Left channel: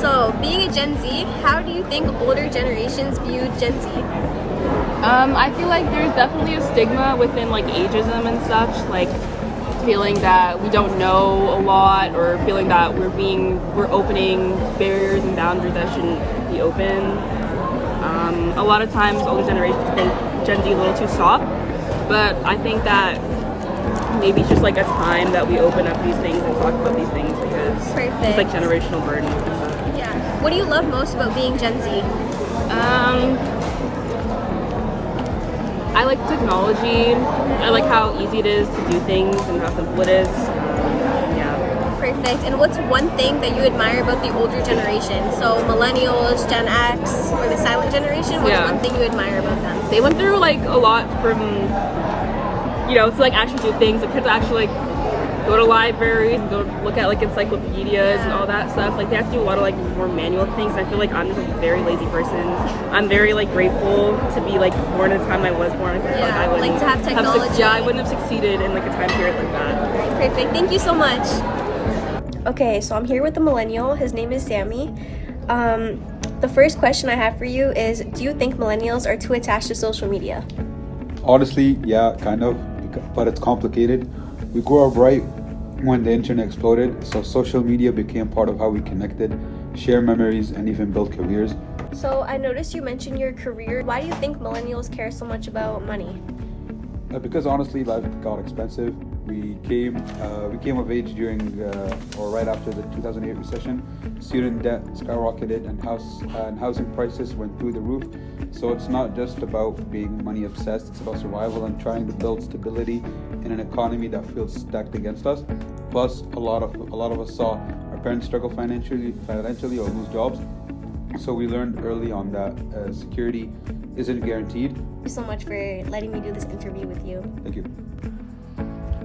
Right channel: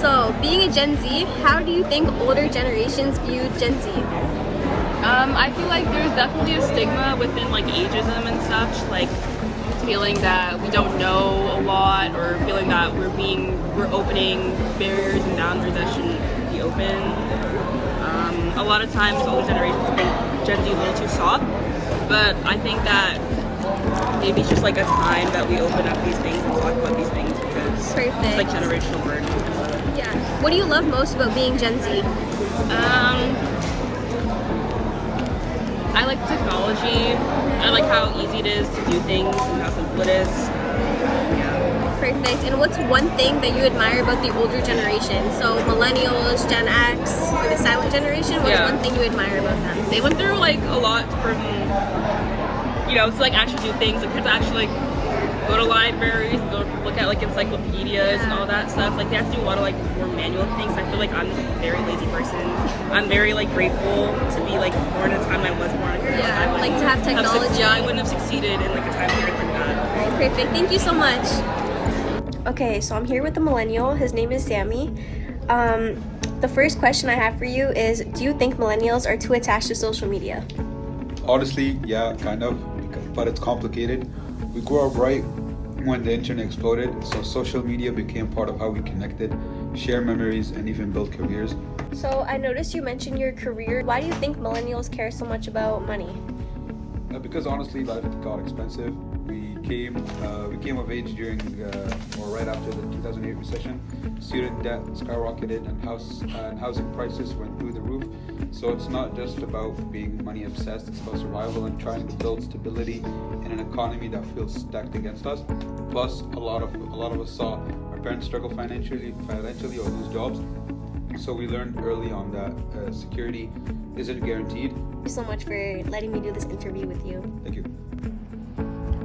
So, being a Gen Z, how do you think older generations view Gen Z? I feel like there's definitely a stigma within like ageism and such, like feeling that we don't know a lot or feeling that we're opening barriers and boundaries that shouldn't be open. A lot of times older generations think Gen Z a little too soft, but I think that maybe it's just like a time that we open up these things and talk about these things because Perfect. it's like generational learning. Yeah. What do you love most about being Gen Z? I like technology. I like how easy it is to do things and how simple it is. Perfect. And what's one thing that you admire about the older generation? So millennials, Gen X, or the silent generation, what's one thing you admire about them? They went through like a lot from, to like actually do things. They could actually like go to libraries, go look at like encyclopedias and all that stuff. Like they have to do a lot of like more manual things. I feel like I'm just a very lazy person. I'm very like grateful to be like born in the time I was born. Yeah, like to have technology. I wouldn't have succeeded in the potential of the Perfect. Thank you so much. Okay, so I'm here with a millennial. His name is Sammy. The first question I have for you is, do you think millennials are too attached to social media? Honestly, yeah, kind of, but it's complicated. We grew up right when the internet exploded, so social media became part of how we connected, share memories, and even build careers. So I noticed you mentioned your career. Why do you think millennials care so much about money? Because honestly, life got expensive. We came of age during or right after the 2008 recession. Student debt skyrocketed and housing prices went through the roof. So it's not just about being money obsessed, it's about survival and trying to build stability in an economy that feels stacked against us. Plus, a lot of us saw our parents struggle financially or lose jobs. So we learned early on that security isn't guaranteed. Thank you so much for letting me do this interview with you. Thank you.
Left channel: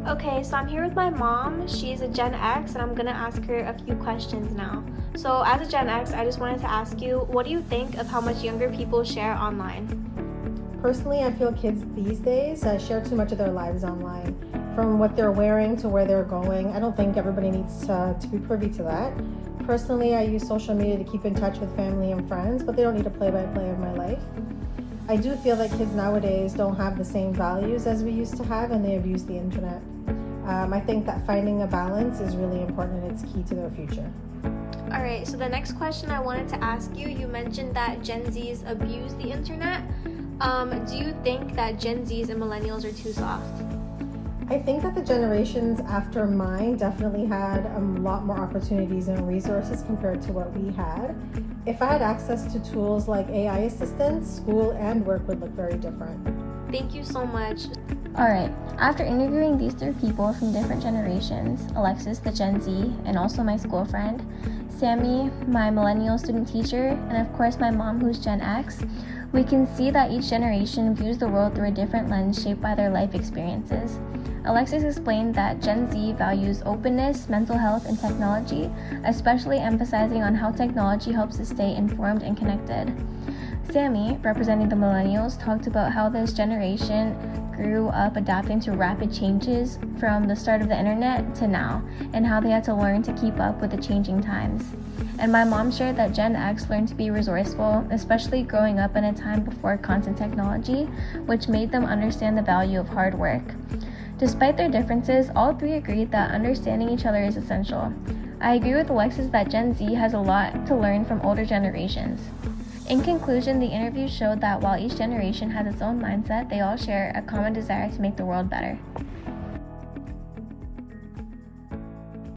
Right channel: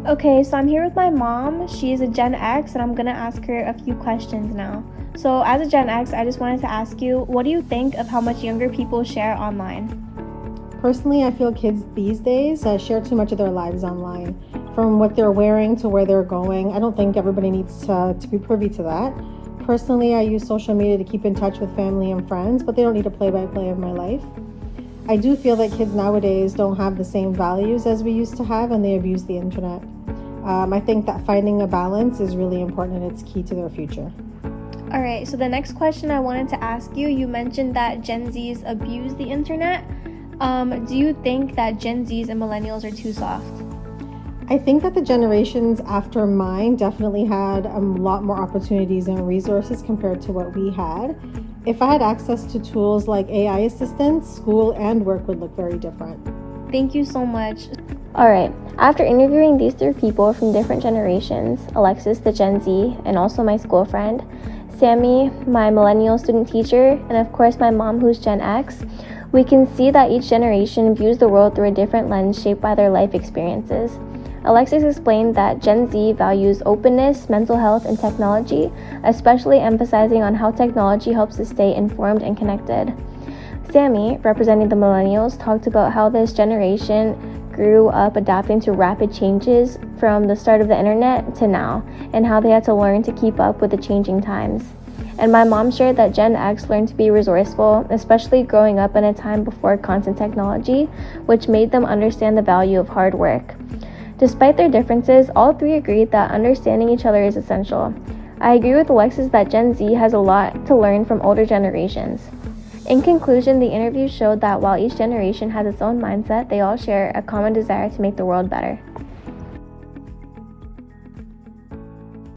Okay, so I'm here with my mom. She is a Gen X, and I'm gonna ask her a few questions now. So as a Gen X, I just wanted to ask you, what do you think of how much younger people share online? Personally, I feel kids these days share too much of their lives online. From what they're wearing to where they're going. I don't think everybody needs to be privy to that. Personally, I use social media to keep in touch with family and friends, but they don't need a play-by-play of my life. I do feel that kids nowadays don't have the same values as we used to have, and they abuse the internet. I think that finding a balance is really important and it's key to their future. All right, so the next question I wanted to ask you, you mentioned that Gen Zs abuse the internet. Do you think that Gen Zs and millennials are too soft? I think that the generations after mine definitely had a lot more opportunities and resources compared to what we had. If I had access to tools like AI assistants, school and work would look very different. Thank you so much. Alright, after interviewing these three people from different generations, Alexis, the Gen Z, and also my school friend, Sammy, my millennial student teacher, and of course my mom who's Gen X, we can see that each generation views the world through a different lens shaped by their life experiences. Alexis explained that Gen Z values openness, mental health, and technology, especially emphasizing on how technology helps us stay informed and connected. Sammy, representing the millennials, talked about how this generation grew up adapting to rapid changes from the start of the internet to now, and how they had to learn to keep up with the changing times. And my mom shared that Gen X learned to be resourceful, especially growing up in a time before constant technology, which made them understand the value of hard work. Despite their differences, all three agreed that understanding each other is essential. I agree with Alexis that Gen Z has a lot to learn from older generations. In conclusion, the interview showed that while each generation has its own mindset, they all share a common desire to make the world better.